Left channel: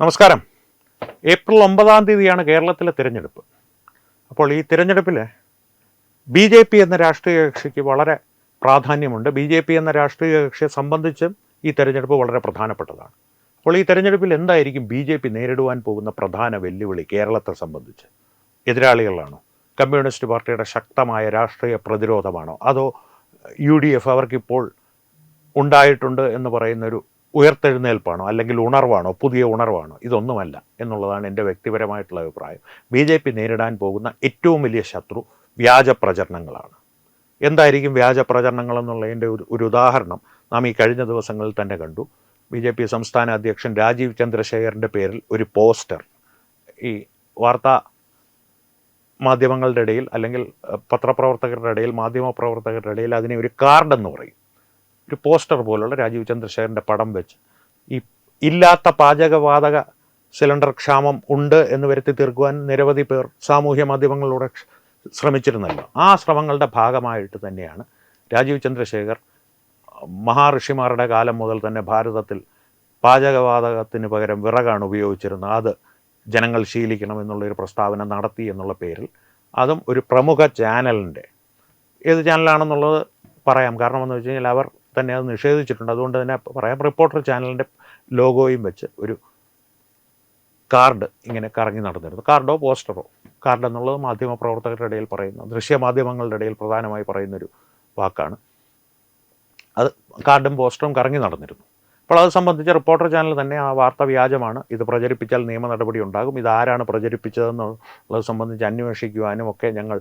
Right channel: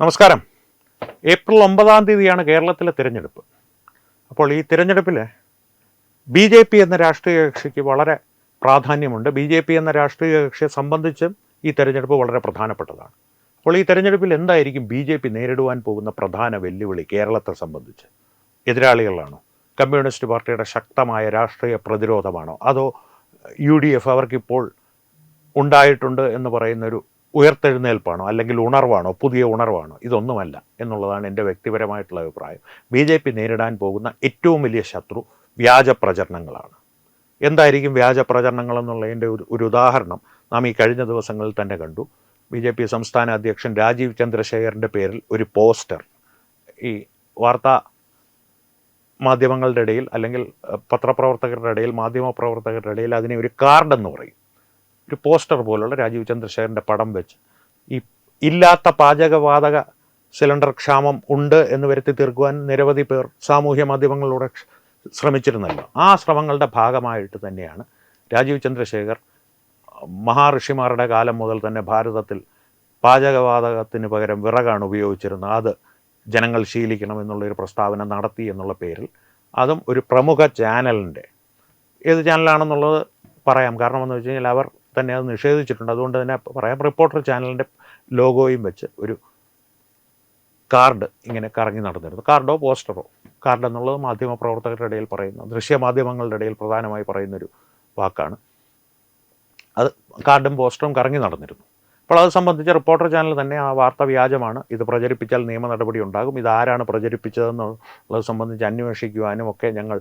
നമസ്കാരം. ഏപ്രിൽ 9-ാം തീയതിയാണ് കേരളത്തിലെ തിരഞ്ഞെടുപ്പ്. അപ്പോൾ ഈ തിരഞ്ഞെടുപ്പിൽ BJP എന്ന രാഷ്ട്രീയ കക്ഷിക്ക് വളരെ പ്രാധാന്യമുണ്ട്. BJP എന്ന രാഷ്ട്രീയ കക്ഷിയെ സംബന്ധിച്ചും ഈ തിരഞ്ഞെടുപ്പ് വളരെ പ്രധാനപ്പെട്ടതാണ്. അപ്പോൾ ഈ തിരഞ്ഞെടുപ്പിൽ എന്തായിരിക്കും BJP നേരിടുവാൻ പോകുന്ന പ്രധാന വെല്ലുവിളി കേരളത്തെ സംബന്ധിച്ച്? എതിരാളികളാണോ? കമ്മ്യൂണിസ്റ്റ് പാർട്ടിയുടെ ശക്തമായ രാഷ്ട്രീയ പ്രതിരോധമാണോ? അതോ UDF അവർക്കിപ്പോൾ ഉണ്ടായിട്ടുണ്ട് എന്ന് പറയുന്നൊരു ഉയർത്തെഴുന്നേൽപ്പാണോ, അല്ലെങ്കിൽ ഉണർവാണോ, പുതിയ ഉണർവാണോ? ഇതൊന്നുമല്ല എന്നുള്ളതാണ് എൻ്റെ വ്യക്തിപരമായിട്ടുള്ള അഭിപ്രായം. BJP നേരിടാൻ പോകുന്ന ഏറ്റവും വലിയ ശത്രു വ്യാജ പ്രചരണങ്ങളാണ്. എന്തായിരിക്കും വ്യാജ പ്രചരണങ്ങൾ എന്നുള്ളതിൻ്റെ ഒരു ഉദാഹരണം നാം ഈ കഴിഞ്ഞ ദിവസങ്ങളിൽ തന്നെ കണ്ടു. BJP സംസ്ഥാന അധ്യക്ഷൻ രാജീവ് ചന്ദ്രശേഖറിൻ്റെ പേരിൽ ഒരു പോസ്റ്റർ ഈ വാർത്താ മാധ്യമങ്ങളുടെ ഇടയിൽ, അല്ലെങ്കിൽ പത്രപ്രവർത്തകരുടെ ഇടയിൽ, മാധ്യമപ്രവർത്തകരുടെ ഇടയിൽ അതിനെ ഒരു കാർഡെന്ന് പറയും. ഒരു പോസ്റ്റർ പോലുള്ള രാജീവ് ചന്ദ്രശേഖറിൻ്റെ പടം വെച്ച് ഈ ഇല്ലാത്ത പാചകവാതക സിലിണ്ടർ ക്ഷാമം ഉണ്ട് എന്ന് വരുത്തി തീർക്കുവാൻ നിരവധി പേർ സാമൂഹ്യ മാധ്യമങ്ങളിലൂടെ ശ്രമിച്ചിരുന്നല്ലോ. ആ ശ്രമങ്ങളുടെ ഭാഗമായിട്ട് തന്നെയാണ് രാജീവ് ചന്ദ്രശേഖർ മഹാഋഷിമാരുടെ കാലം മുതൽ തന്നെ ഭാരതത്തിൽ പാചകവാതകത്തിന് പകരം വിറകാണ് ഉപയോഗിച്ചിരുന്നത്, അത് ജനങ്ങൾ ശീലിക്കണം എന്നുള്ളൊരു പ്രസ്താവന നടത്തി എന്നുള്ള പേരിൽ, അതും ഒരു പ്രമുഖ ചാനലിൻ്റെ, ഏത് ചാനലാണെന്നുള്ളത് പറയാം, കാരണം എന്ന് വെച്ച് കഴിഞ്ഞാൽ അവർ തന്നെ അത് നിഷേധിച്ചിട്ടുണ്ട്, അതുകൊണ്ട് തന്നെ പറയാം, റിപ്പോർട്ടർ ചാനലിൻ്റെ ലോഗോയും വെച്ച് ഒരു കാർഡ് ഇങ്ങനെ കറങ്ങി നടന്നിരുന്നു. കാർഡോ പോസ്റ്ററോ, കാർഡ് എന്നുള്ളത് മാധ്യമപ്രവർത്തകരുടെ ഇടയിൽ പറയുന്ന, ദൃശ്യമാധ്യമങ്ങളുടെ ഇടയിൽ പ്രധാനമായി പറയുന്നൊരു വാക്കാണ്. അത് കാർഡും പോസ്റ്ററും കറങ്ങി നടന്നിരുന്നു. അപ്പോൾ അത് സംബന്ധിച്ച് റിപ്പോർട്ടർ ചാനൽ തന്നെ ആ വാർത്ത വ്യാജമാണ്, ഇത് പ്രചരിപ്പിച്ചാൽ നിയമ നടപടി ഉണ്ടാകും, ഇതാരാണ് പ്രചരിപ്പിച്ചതെന്നുള്ളത് സംബന്ധിച്ച് അന്വേഷിക്കുവാനും ഒക്കെ ഞങ്ങൾ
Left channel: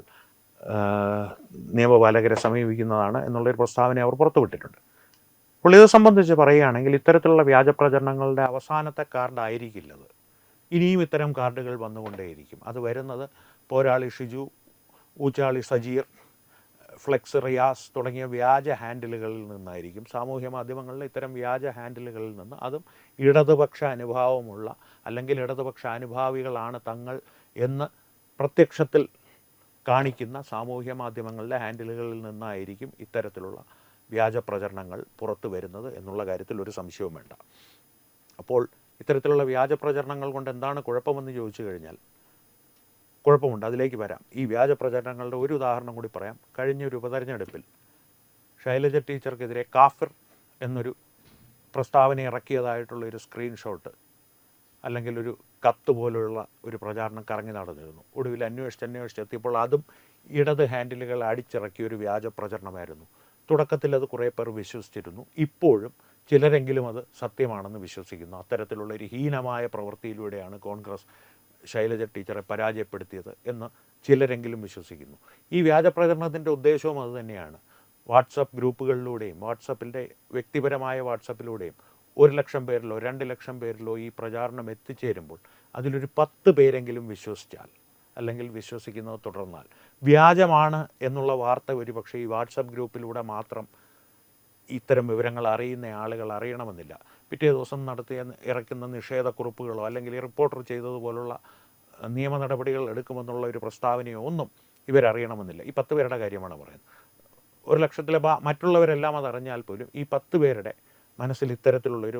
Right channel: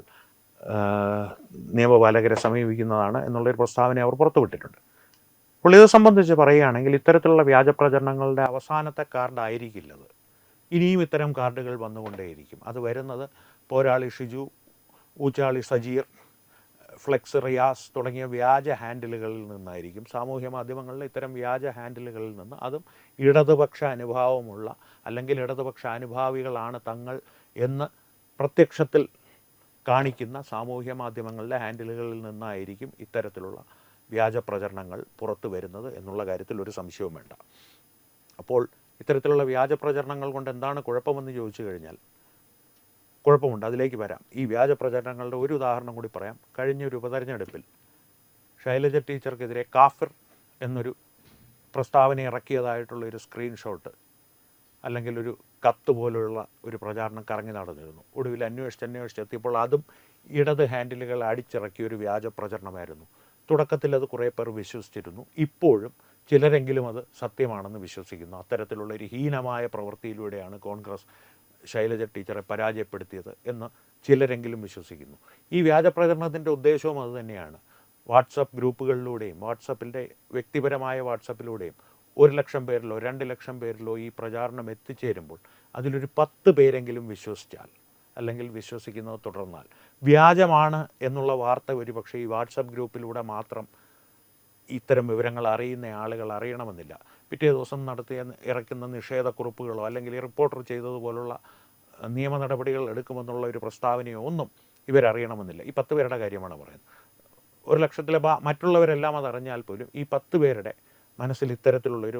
നിയമപാലകരെ സമീപിക്കുന്നതാണ് എന്നുള്ളൊരു പ്രസ്താവന അവർ പുറത്തുവിട്ടിട്ടുണ്ട്. അപ്പോൾ ഇത് സംബന്ധിച്ച് പറയുകയാണെങ്കിൽ ഇത്തരത്തിലുള്ള വ്യാജ പ്രചരണങ്ങളുടെ അവസാനത്തെ കാർഡായിരിക്കില്ലത്. ഇനിയും ഇത്തരം കാർഡുകൾ വന്നുകൊണ്ടേയിരിക്കും. അത് വരുന്നത് പോരാളി ഷിജു, ഊച്ചാളി സജീർ, ഫ്ലെക്സ് റിയാസ് തുടങ്ങിയ വ്യാജ ഹാൻഡിലുകളിൽ നിന്നായിരിക്കും. സാമൂഹ്യ മാധ്യമങ്ങളിൽ ഇത്തരം വ്യാജ ഹാൻഡിലുകളിൽ നിന്ന്, അതും ഇടതുപക്ഷ അനുഭാവമുള്ള, അല്ലെങ്കിൽ ഇടതുപക്ഷ അനുഭാവികളാണ് തങ്ങൾ എന്ന് പ്രത്യക്ഷത്തിൽ കാണിക്കുന്ന സാമൂഹ്യ മാധ്യമങ്ങളിലെ ഹാൻഡിലുകളിൽ നിന്നായിരിക്കും ഇത്തരത്തിലുള്ള വ്യാജ പ്രചരണങ്ങൾ പുറത്തു വരുന്നത് എന്നുള്ള കാര്യത്തിൽ ഒരു സംശയവും വേണ്ട. അപ്പോൾ ഇത്തരത്തിലുള്ള വ്യാജ പ്രചരണങ്ങൾ കൊണ്ട് എന്താണ് കുഴപ്പമെന്ന് ചോദിച്ചു കഴിഞ്ഞാൽ കുഴപ്പമുണ്ട്, അതിലേക്ക് വരാം. ഈ വ്യാജ പ്രചരണങ്ങളുടെ ഒരു ഉദാഹരണം കൂടി പറയാം. കഴിഞ്ഞൊരു ഉപതെരഞ്ഞെടുപ്പിൽ ശൈലജ ടീച്ചർക്കെതിരെ കാഫിർ എന്നൊരു പ്രസ്താവന ഇറക്കിയതായിട്ടുള്ളൊരു സ്ക്രീൻഷോട്ട്, അല്ലെങ്കിൽ ഒരു കത്ത് പോലുള്ള ഒരു പ്രചാരണം കറങ്ങി നടന്നിരുന്നു. ഒടുവിൽ അന്വേഷിച്ചെത്തിയപ്പോൾ അതും ഇടത് ഹാൻഡിലുകൾ അടിച്ചിറക്കിയ ഒരു വ്യാജ പ്രചരണമായിരുന്നു. തുടക്കത്തിൽ അത് കുറേ പേർ വിശ്വസിച്ചിരുന്നു. ഇപ്പോഴും ചിലരെങ്കിലും അത് സത്യമാണെന്ന് വിശ്വസിക്കുന്നു. അത്തരത്തിലുള്ള ഒരു ഹീനമായ പ്രവൃത്തിയിലൂടെയാണ് കോൺഗ്രസ് ശൈലജ ടീച്ചറെ പരാജയപ്പെടുത്തിയത് എന്ന് ചിലരെങ്കിലും വിശ്വസിക്കുന്നു. ഈ വ്യാജ പ്രചരണത്തിൻ്റെ ഉദ്ദേശവും അതുതന്നെയാണ്. വാട്സപ്പ് ഗ്രൂപ്പുകളിലൂടെയും, വാട്സപ്പിൻ്റെ വ്യക്തിപരമായ വാട്സപ്പിലൂടെയും 1,00,000 പേരിലോ 2,00,000 പേരിലോ ഈ പ്രചാരണം എത്തിച്ചേരുമ്പോൾ അതിലൊരു 10 പേരെങ്കിലും വിശ്വസിച്ചാൽ, അല്ലെങ്കിൽ വിശ്വസിക്കുന്നത് തുടർന്നാൽ, വ്യാജമാണ് എന്നുള്ള വാർത്ത ഒരുപക്ഷെ ഈ വാട്സപ്പ് ഗ്രൂപ്പിലൂടെ മാത്രം ഇത്തരം വിവരങ്ങൾ അറിയുന്ന ആളുകൾ അറിയണമെന്നില്ല. പിറ്റേ ദിവസം ഇറക്കുന്ന നിഷേധക്കുറിപ്പുകളോ, അല്ലെങ്കിൽ റിപ്പോർട്ടർ ചെയ്തതുപോലുള്ള നിയമ നടപടികൾ എടുക്കുമെന്നുള്ള ഒരു പ്രസ്താവനയോ ഒന്നും ഇവരറിയണമെന്നില്ല. ഈ 10 പേരുടെ കാര്യമാണ് പറയുന്നത്. 1,00,000-ലെ മറ്റുള്ളവരെല്ലാം അതറിഞ്ഞാൽ പോലും ഈ 10 പേരുടെ മനസ്സിൽ ഇത്തരത്തിലുള്ളൊരു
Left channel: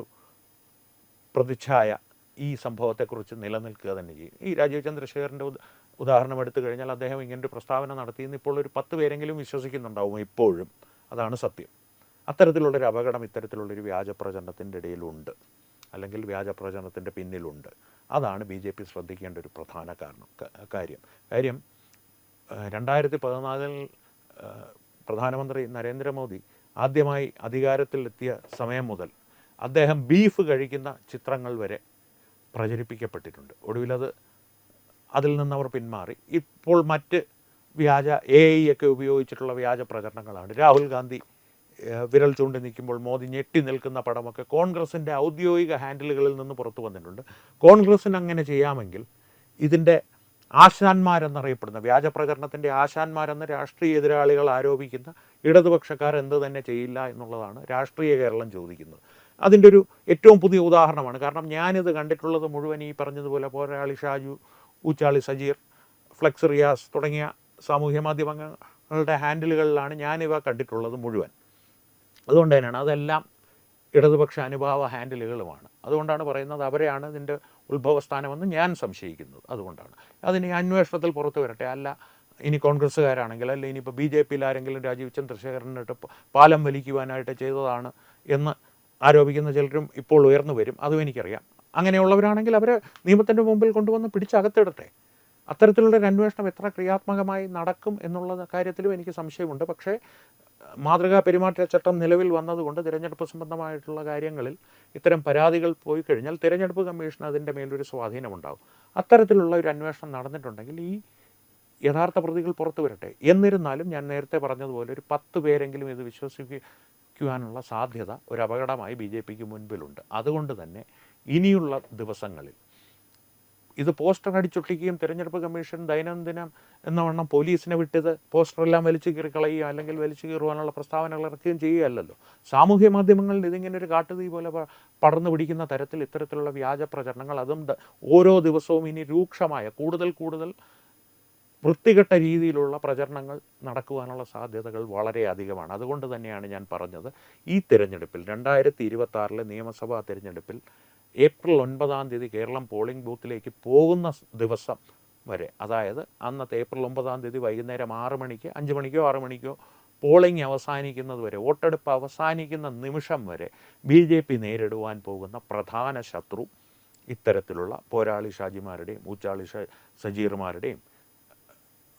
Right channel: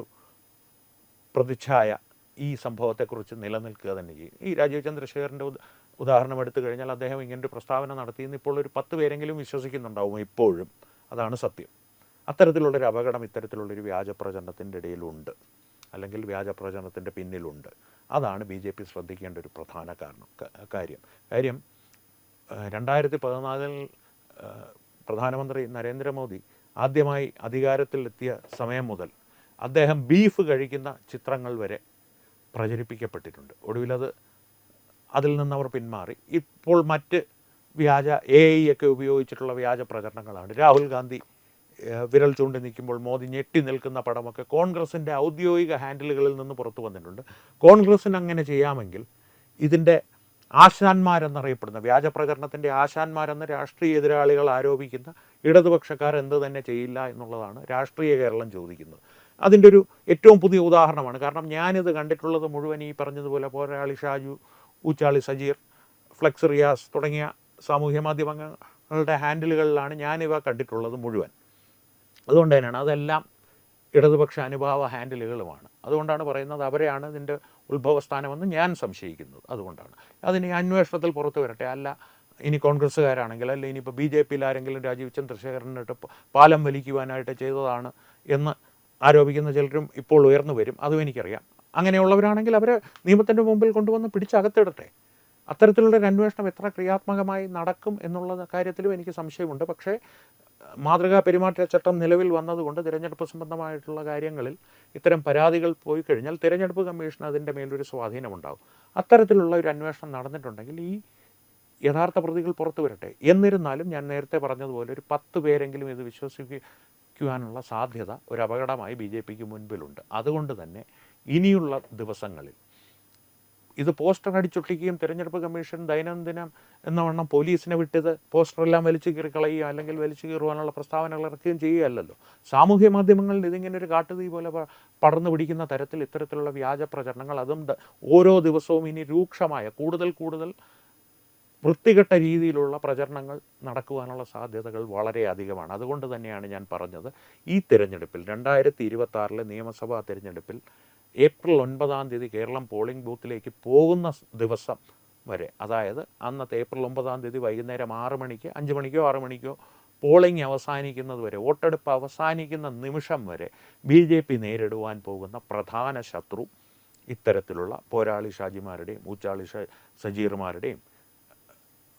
പ്രതിച്ഛായ ഈ സംഭവത്തെക്കുറിച്ച് നിലനിൽക്കുക തന്നെ ചെയ്യും. ഈ രാജീവ് ചന്ദ്രശേഖറിൻ്റെ ഉദാഹരണം എടുത്തു കഴിഞ്ഞാൽ അദ്ദേഹം ഇങ്ങനൊരു പ്രസ്താവന നടത്തിയെന്ന് ഇപ്പോൾ ഒരു 10 പേരെങ്കിലും വിശ്വസിക്കുന്നുണ്ടാവും ഇപ്പോഴും. അതാണ് സത്യം. അത്തരത്തിലുള്ളൊരു അപകടം ഇത്തരത്തിലുള്ളൊരു വ്യാജ പ്രചരണത്തിൻ്റെ ഇടയിലുണ്ട്, അല്ലെങ്കിൽ വ്യാജ പ്രചരണത്തിൻ്റെ പിന്നിലുണ്ട്. അതാണ് BJP ശ്രദ്ധിക്കേണ്ട ഒരു പ്രധാന കാര്യം. 2014 പ്രധാനമന്ത്രി നരേന്ദ്രമോദി ആദ്യമായി അധികാരത്തിലെത്തിയ സമയം മുതൽ അദ്ദേഹം ബീഫ് കഴിക്കുന്ന ചിത്രങ്ങൾ വരെ പ്രചരിപ്പിക്കപ്പെട്ടിട്ടുണ്ട്. ഒടുവിലത് അതിൽ നിന്നവർ പിന്മാറി. ഇപ്പോൾ മറ്റ് വ്യാജ AI ഒക്കെ ഉപയോഗിച്ചിട്ടുള്ള വ്യാജ പ്രചരണങ്ങളാണ്. രാഹുൽ ഗാന്ധി വിരൽ ചൂണ്ടി നിൽക്കുമ്പോൾ മോദി ഞെട്ടി നിൽക്കുന്ന പടമൊക്കെ കോൺഗ്രസിൻ്റെ ഔദ്യോഗിക ഹാൻഡിലുകളിൽ നിന്ന് പുറത്തു വന്നിട്ടുണ്ട്. കോൺഗ്രസ്സിന് അങ്ങനെ ചെയ്യാമെങ്കിൽ ഇതിൻ്റെ ആശാന്മാരെന്നറിയപ്പെടുന്ന, വ്യാജ പ്രചരണത്തിൻ്റെ ആശാന്മാരെന്ന് രാഷ്ട്രീയ എതിരാളികൾ ആരോപിക്കുന്ന ഇടതുപക്ഷക്കാർ എന്ത് തന്നെ ചെയ്യില്ല എന്നുള്ളതാണ് രാഷ്ട്രീയ കേരളം ചോദിക്കുന്നത്. അതിൻ്റെ ഒരു ഏറ്റവും പുതിയ ഉദാഹരണമാണ്. കാരണം ഞാനിത് കണ്ടിട്ടുള്ളത് മുഴുവൻ ഈ പറഞ്ഞതുപോലെ പോരാളി ഷാജു, ഊച്ചാളി സജീർ, ഫ്ലെക്സ് റിയാസ് തുടങ്ങിയ സാമൂഹ്യ മാധ്യമങ്ങളുടെ ഹാൻഡിലുകളിലാണ് ഞാനിവ കണ്ടിട്ടുള്ളത് മുഴുവൻ. അതുകൊണ്ട് തന്നെയാണ് അതെല്ലാം ഇടതുപക്ഷ അനുഭാവ ഹാൻഡിലുകളുമാണ്. അതുകൊണ്ടാണ് പറയുന്നത് അവരെയാണ് ഇതിൻ്റെ ഉത്ഭവസ്ഥാനമെന്ന് ഞാൻ സംശയിക്കുന്നത്. അതുകൊണ്ടാണ് അതിന് ഈ അന്വേഷണത്തിൽ പുറത്തു വരട്ടെ. അല്ല ഇനി കോൺഗ്രസ്സുകാരാണെങ്കിൽ, അല്ല ഇനിയിപ്പോൾ ബി ജെ പിയിൽ ആരെങ്കിലും രാജീവ് ചന്ദ്രശേഖരനിട്ട് പാലം വലിക്കുവാനായിട്ട് ചെയ്തതാണ് എന്ന് ആരോപിക്കുന്ന ചിലരും ഇപ്പോൾ ഉയർന്നു വരും. അതും എനിക്കറിയാം. അങ്ങനെയുള്ളവരാണെങ്കിൽ അവരെ നിയമത്തിൻ്റെ മുമ്പിൽ കൊണ്ടുവന്ന് പിടിച്ചകത്തിടട്ടെ. അത്തരത്തിലുള്ളൊരു അന്വേഷണം എത്ര ക്രിയാത്മകമായി നടക്കും എന്നുള്ള കാര്യത്തിലും എനിക്ക് സംശയമുണ്ട്. പക്ഷേ മാതൃകാ പെരുമാറ്റച്ചട്ടം നിലവിൽ വന്നതുകൊണ്ട് തിരഞ്ഞെടുപ്പ് സംബന്ധമായിട്ടുള്ള കാര്യങ്ങളിൽ ഇത്തരം പരാതികൾ പോയി കഴിഞ്ഞാൽ തിരഞ്ഞെടുപ്പ് കമ്മീഷൻ അതിൻ്റെ മേലൊരു സ്വാധീനമുണ്ടാകും. അത്തരത്തിലുള്ള ഒരു അന്വേഷണം നടന്നിട്ടുണ്ടെങ്കിൽ ഈ യഥാർത്ഥ പ്രതികൾ പുറത്തു വരട്ടെ. എന്നിരുന്നാലും ഞാൻ നേരത്തെ പറഞ്ഞതുപോലെ ഒരു 10 പേരെങ്കിലും ഇത് വിശ്വസിക്കുവാനുള്ള സാധ്യത ഒരു അപകടമായി ബി ജെ പിക്ക് മുൻപിലുണ്ട്. അതുകൊണ്ട് തന്നെ ഇനിയുള്ള ദിവസങ്ങളിൽ ഇത് പോസ്റ്റർ അടിച്ചൊട്ടിക്കുകയും തിരഞ്ഞെടുപ്പ് കമ്മീഷൻ ദൈനംദിനം എന്നവണ്ണം പോലീസിനെ വിട്ടത് പോസ്റ്ററെല്ലാം വലിച്ചു കീറി കളയുക അല്ലെങ്കിൽ വലിച്ചു കീറുവാനുള്ള പ്രസ്താവനകൾ ഇറക്കുകയും ചെയ്യുകയല്ലല്ലോ. സാമൂഹ്യ മാധ്യമങ്ങളിൽ ഇതിങ്ങനെ ഒരു കാട്ടുതീ പോലെ പടർന്നു പിടിക്കുന്ന തരത്തിൽ ഇത്തരത്തിലുള്ള വ്യാജ പ്രചരണങ്ങൾ, അതും ഓരോ ദിവസവും ഇനി രൂക്ഷമായ കൂടുതൽ വൃത്തികെട്ട രീതിയിലുള്ള പ്രചരണങ്ങൾ നടക്കുവാനുള്ള സാധ്യതകൾ വളരെ അധികമാണ്. അതുകൊണ്ട് തന്നെയാണ് ഞാൻ പറഞ്ഞത്, ഈ തിരഞ്ഞെടുപ്പിൽ 2026 നിയമസഭാ തിരഞ്ഞെടുപ്പിൽ ഏപ്രിൽ 9 കേരളം പോളിംഗ് ബൂത്തിലേക്ക് പോകുന്ന ദിവസം വരെ, അതായത് അന്നത്തെ ഏപ്രിൽ 9 വൈകുന്നേരം 6 മണിക്ക് 5 മണിക്കോ 6 മണിക്കോ പോളിംഗ് അവസാനിക്കുന്നത് വരെ, വോട്ടെടുപ്പ് അവസാനിക്കുന്ന നിമിഷം വരെ ബി ജെ പി നേരിടുവാൻ പോകുന്ന പ്രധാന ശത്രു ഇത്തരത്തിലുള്ള പോരാളി ഷാജിമാരുടെയും ഊച്ചാളി സജീർമാരുടെയും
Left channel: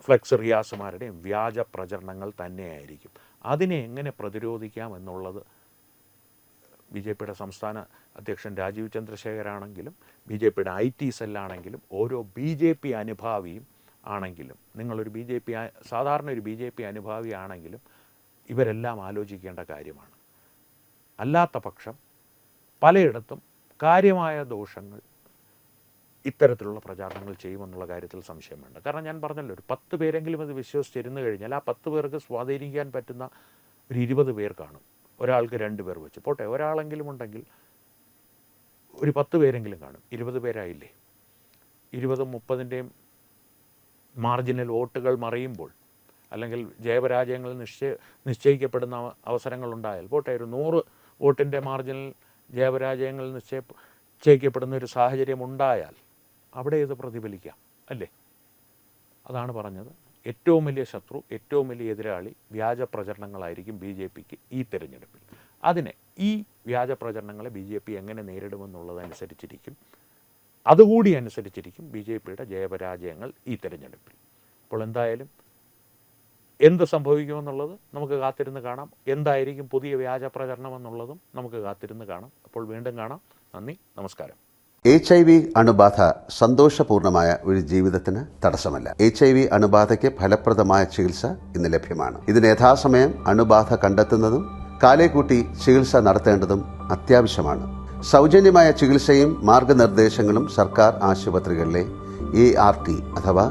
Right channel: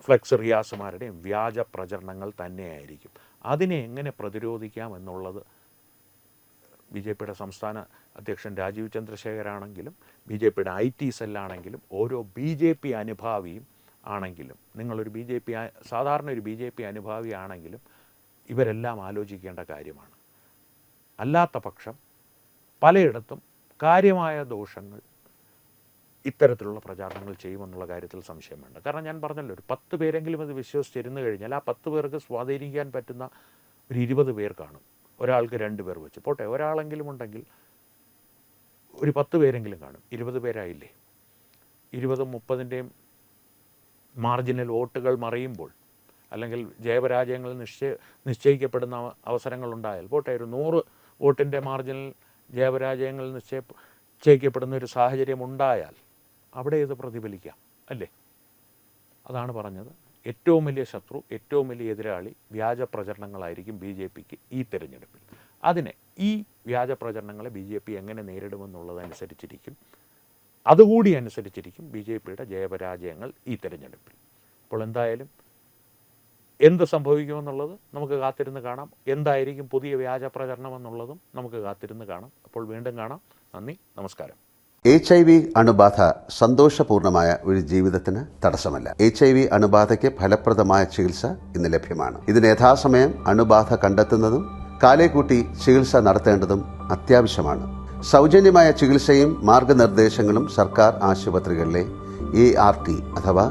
ഫ്ലെക്സ് റിയാസുമാരുടെയും വ്യാജ പ്രചരണങ്ങൾ തന്നെയായിരിക്കും. അതിനെ എങ്ങനെ പ്രതിരോധിക്കാം എന്നുള്ളത് ബി ജെ പിയുടെ സംസ്ഥാന അധ്യക്ഷൻ രാജീവ് ചന്ദ്രശേഖരാണെങ്കിലും ബി ജെ പിയുടെ IT സെല്ലാണെങ്കിലും ഓരോ ബി ജെ പി അനുഭാവിയും ആണെങ്കിലും, നിങ്ങളൊരു സാധാരണ ഒരു ബി ജെ പി അനുഭാവി ആണെങ്കിലും ഇവരെല്ലാം ആലോചിക്കേണ്ട കാര്യമാണ്. അല്ലാത്ത പക്ഷം പലയിടത്തും കാര്യമായ ദോഷങ്ങൾ ഇത്തരത്തിലുള്ള പ്രചാരണങ്ങൾ ചെയ്യുമെന്നുള്ള കാര്യത്തിൽ സംശയം വേണ്ട. കാരണം ഞാൻ പറഞ്ഞല്ലോ, ഒരു 10 പേരെങ്കിലും അത് വിശ്വസിച്ചിരുന്നു കഴിഞ്ഞാൽ ആ 10 പേർക്ക് സ്വാധീനിക്കാൻ പറ്റുന്ന ഒരു 20 പേർ കാണും. ഒരാൾക്ക് 2 പേർ വെച്ച് പോട്ടെ, ഒരാളെങ്കിലും ഉണ്ടെങ്കിൽ ഒരു 10 പേരെങ്കിലും കാണും. 20 പേരായില്ലേ? 20-30 മാർജിനൽ വോട്ടുകൾ മറിയുമ്പോൾ, അല്ലെങ്കിൽ ജയപരാജയങ്ങൾ നിശ്ചയിക്കപ്പെടുന്ന അവസരങ്ങളുണ്ടായാൽ പോട്ടെ, ഒരു 100 വോട്ടിൻ്റെ മാർജിനൽ ജയപരാജയങ്ങൾ നിശ്ചയിക്കപ്പെടുന്ന ഒരു സാഹചര്യം ഉണ്ടായാൽ അവിടെ ഇത് പ്രതിഫലിക്കാം അല്ലേ? അതാണ് പറഞ്ഞത്. ഏറ്റവും വലിയ ശത്രു, ഏറ്റവും വലിയ എതിരാളി വ്യാജ പ്രചരണങ്ങളായിരിക്കും ബി ജെ പിക്ക് ഈ തിരഞ്ഞെടുപ്പിൽ. ഈ വ്യാജ പ്രചരണങ്ങളെ ബി ജെ പി എങ്ങനെ നേരിടുമെന്നുള്ളതനുസരിച്ചിരിക്കും, അതുകൂടി അനുസരിച്ചിരിക്കും ബി ജെ പിയുടെ ജയപരാജയങ്ങൾ ഈ തിരഞ്ഞെടുപ്പിൽ. അപ്പോൾ എന്തായാലും എന്ത് സംഭവിക്കുമെന്നുള്ളത് നമുക്ക് കാത്തിരുന്ന് കാണാം. എന്തായിരിക്കും പുതിയ വ്യാജ പ്രചരണം എന്നുള്ളതും നമുക്ക് കാത്തിരുന്ന് കാണാം. അപ്പോൾ വീണ്ടും കാണാം. നന്ദി, നമസ്കാരം. HIV അണുബാധ സന്തോഷപൂർണമായ ഒരു ജീവിതത്തിന് തടസ്സമല്ല. HIV അണുബാധയ്ക്ക് ഫലപ്രദമായ ചികിത്സ ഇന്ന് ലഭ്യമാണ്. ഇതിന് യഥാസമയം അണുബാധ കണ്ടെത്തുന്നതും കാലേക്കൂട്ടി ചികിത്സ നടത്തേണ്ടതും അത്യാവശ്യമാണ്. സൗജന്യമായ ചികിത്സയും മാർഗനിർദ്ദേശങ്ങളും സർക്കാർ ആശുപത്രികളിലെ ART അഥവാ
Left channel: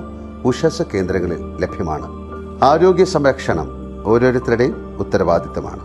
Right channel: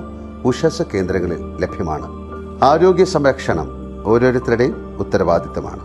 ഉഷസ് കേന്ദ്രങ്ങളിൽ ലഭ്യമാണ്. ആരോഗ്യ സംരക്ഷണം ഓരോരുത്തരുടെയും ഉത്തരവാദിത്തമാണ്.